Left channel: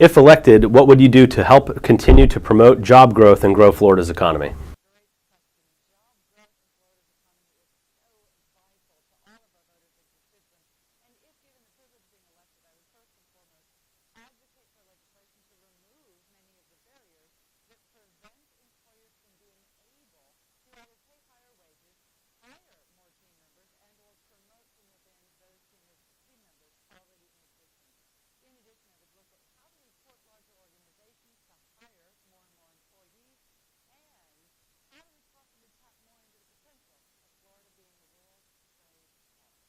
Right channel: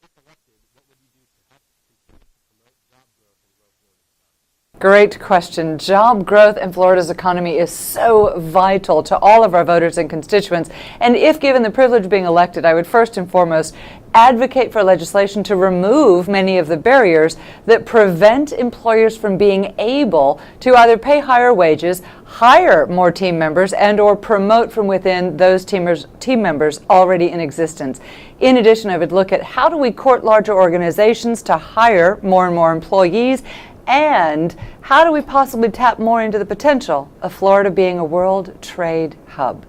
If elected, what would you do to help continue to promote job growth and grow Florida's economy? Great question. Job growth in Florida's economy is so vital to all of our voters and constituents. And if given the privilege of being elected, I would first and foremost advocate for legislation to remove many of the barriers that prevent employers from being able to either pay higher wages, hire more team members, and or promote from within those team members already in existence. In addition, I would look at how do we court larger organizations to hire more and more employees, and how do we possibly tap more into the potential of Florida being a world trade hub?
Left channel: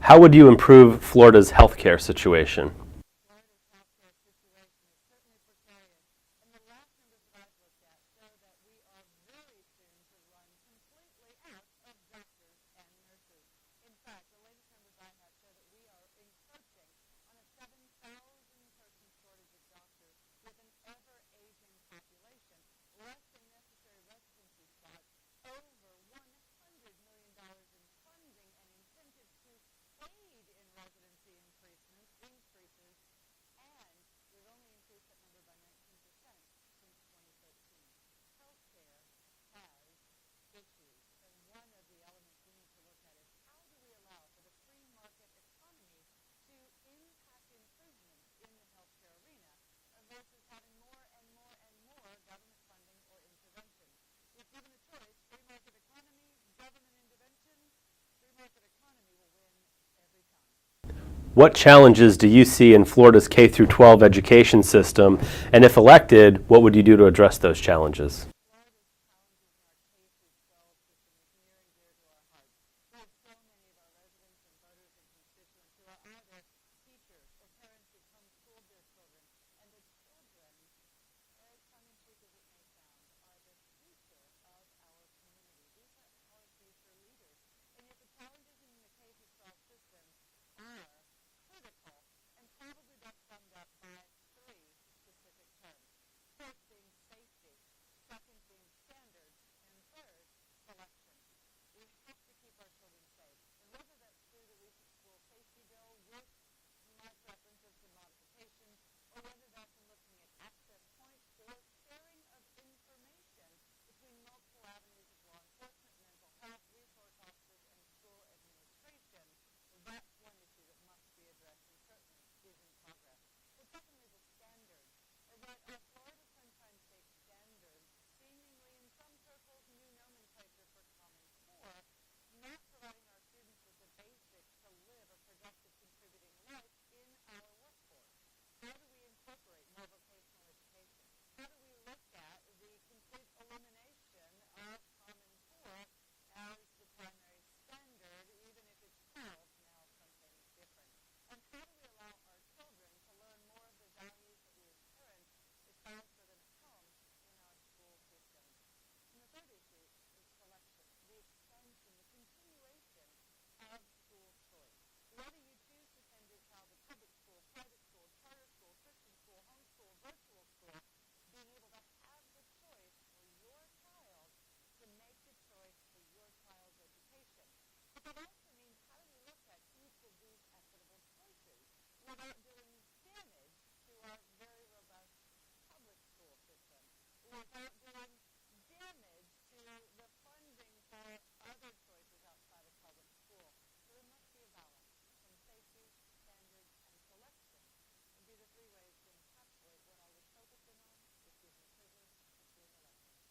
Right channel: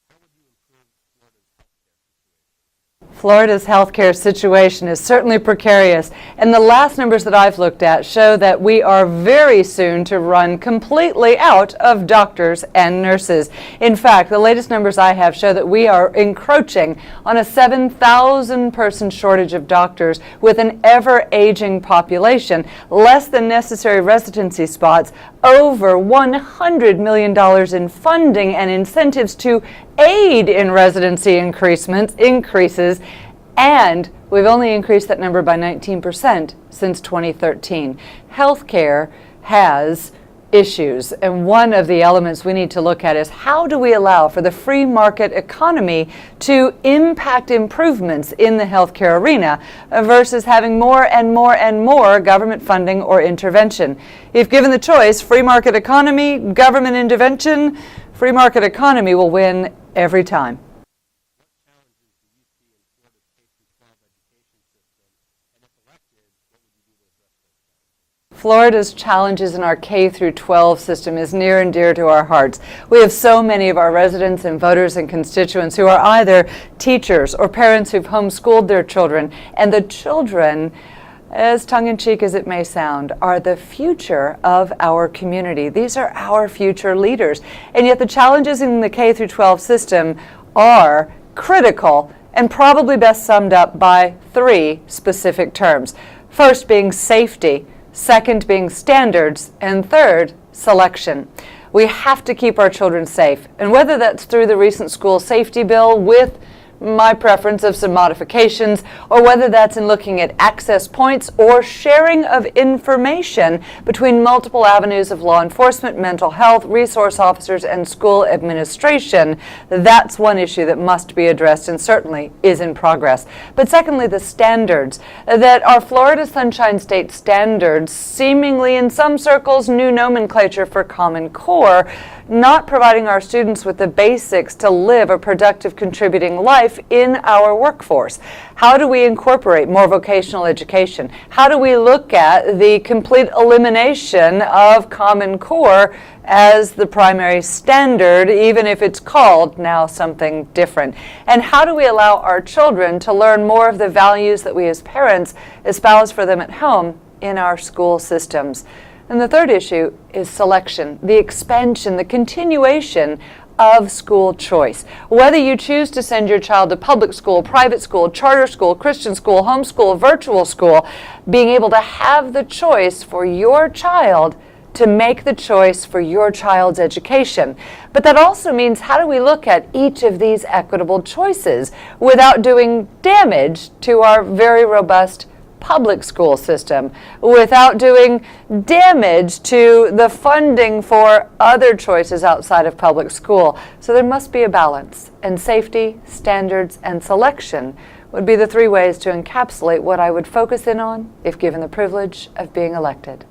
How would you improve Florida's healthcare situation? Florida's healthcare situation is certainly precarious, and the last numbers that I've looked at show that we are very soon to run completely out of doctors and nurses. In fact, the latest numbers I have show that we are encroaching on a 7,000 person shortage of doctors with an ever-aging population, less than necessary residency spots, over $100 million in funding and incentives to aid in residency increases, and we've only increased that number by 19% since 2013. Healthcare has issues, and one of the elements we need to look at is how do we allow for the free market economy to impact improvements in the healthcare arena versus having more and more and more government funding or intervention. If given the choice, free market economy, government intervention, free market economy will win every time. What challenges do you see in Florida's K-12 education system? And if elected, what would you do to address those challenges? Florida's challenges in our K-12 system is near and dear to our hearts. We have so many of our residents and voters and constituents who are either teachers or parents who've homeschooled their children, and the children, as tongue-in-cheek as it may sound, are the future of our community. These are our future leaders. And yet the challenges in the K-12 system are critical and probably best summed up by three specific terms. First being safety, second being standards, and third, selection. We have to keep our children safe, and whether that's through the recent school safety bill with my preference of some modifications, or whether that's in looking at access points or sharing of information between multiple avenues of law enforcement, mental health, resource officers, and school administration, that's one issue that must be addressed and certainly is in progress. But secondly, the standards, that our Florida Sunshine State standards, seemingly in some circles new nomenclature for Common Core, not providing our students with the basics to live a productive, contributing life in our workforce. How do we incorporate more vocational education? How do we look at the complete elimination of Common Core as the primary standard, even if it's called now something different? And how do we allow our children to learn more of the values that we as parents espouse for them at home in our school systems? And the third issue is selection, the expansion, the continuation of school choice. Whether you choose to send your child to public school, private school, charter school, Christian school, homeschool, virtual school, being able to have the choice for your child to make the choice for your child's education. But that also means how do we look at each of these equitable choices without doing damage to our very robust public school system, without doing damage to the funding for other choices outside of public school. So there must be a balance, and safety, standards, and selection would be the three ways to encapsulate what I would focus in on if given the privilege of being elected.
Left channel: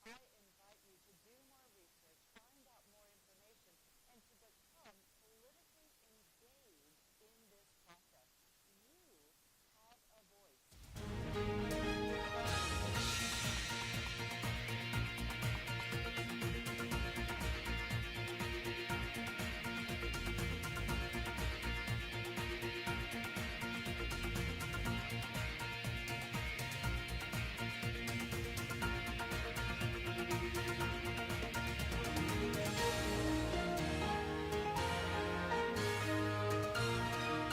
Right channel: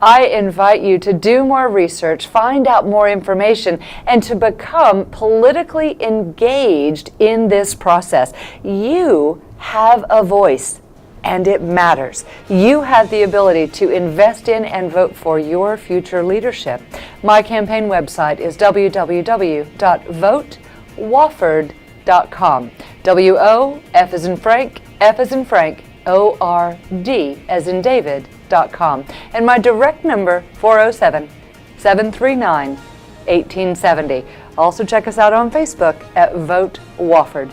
I invite you to do more research, find out more information, and to become politically engaged in this process. You have a voice, and it matters. You have the ability to invest in and vote for your future leadership. My campaign website is www.votewofford.com. W-O-F as in Frank, F as in Frank, O-R-D as in David.com. And my direct number, 407-739-1870. Also check us out on Facebook at Vote Wofford.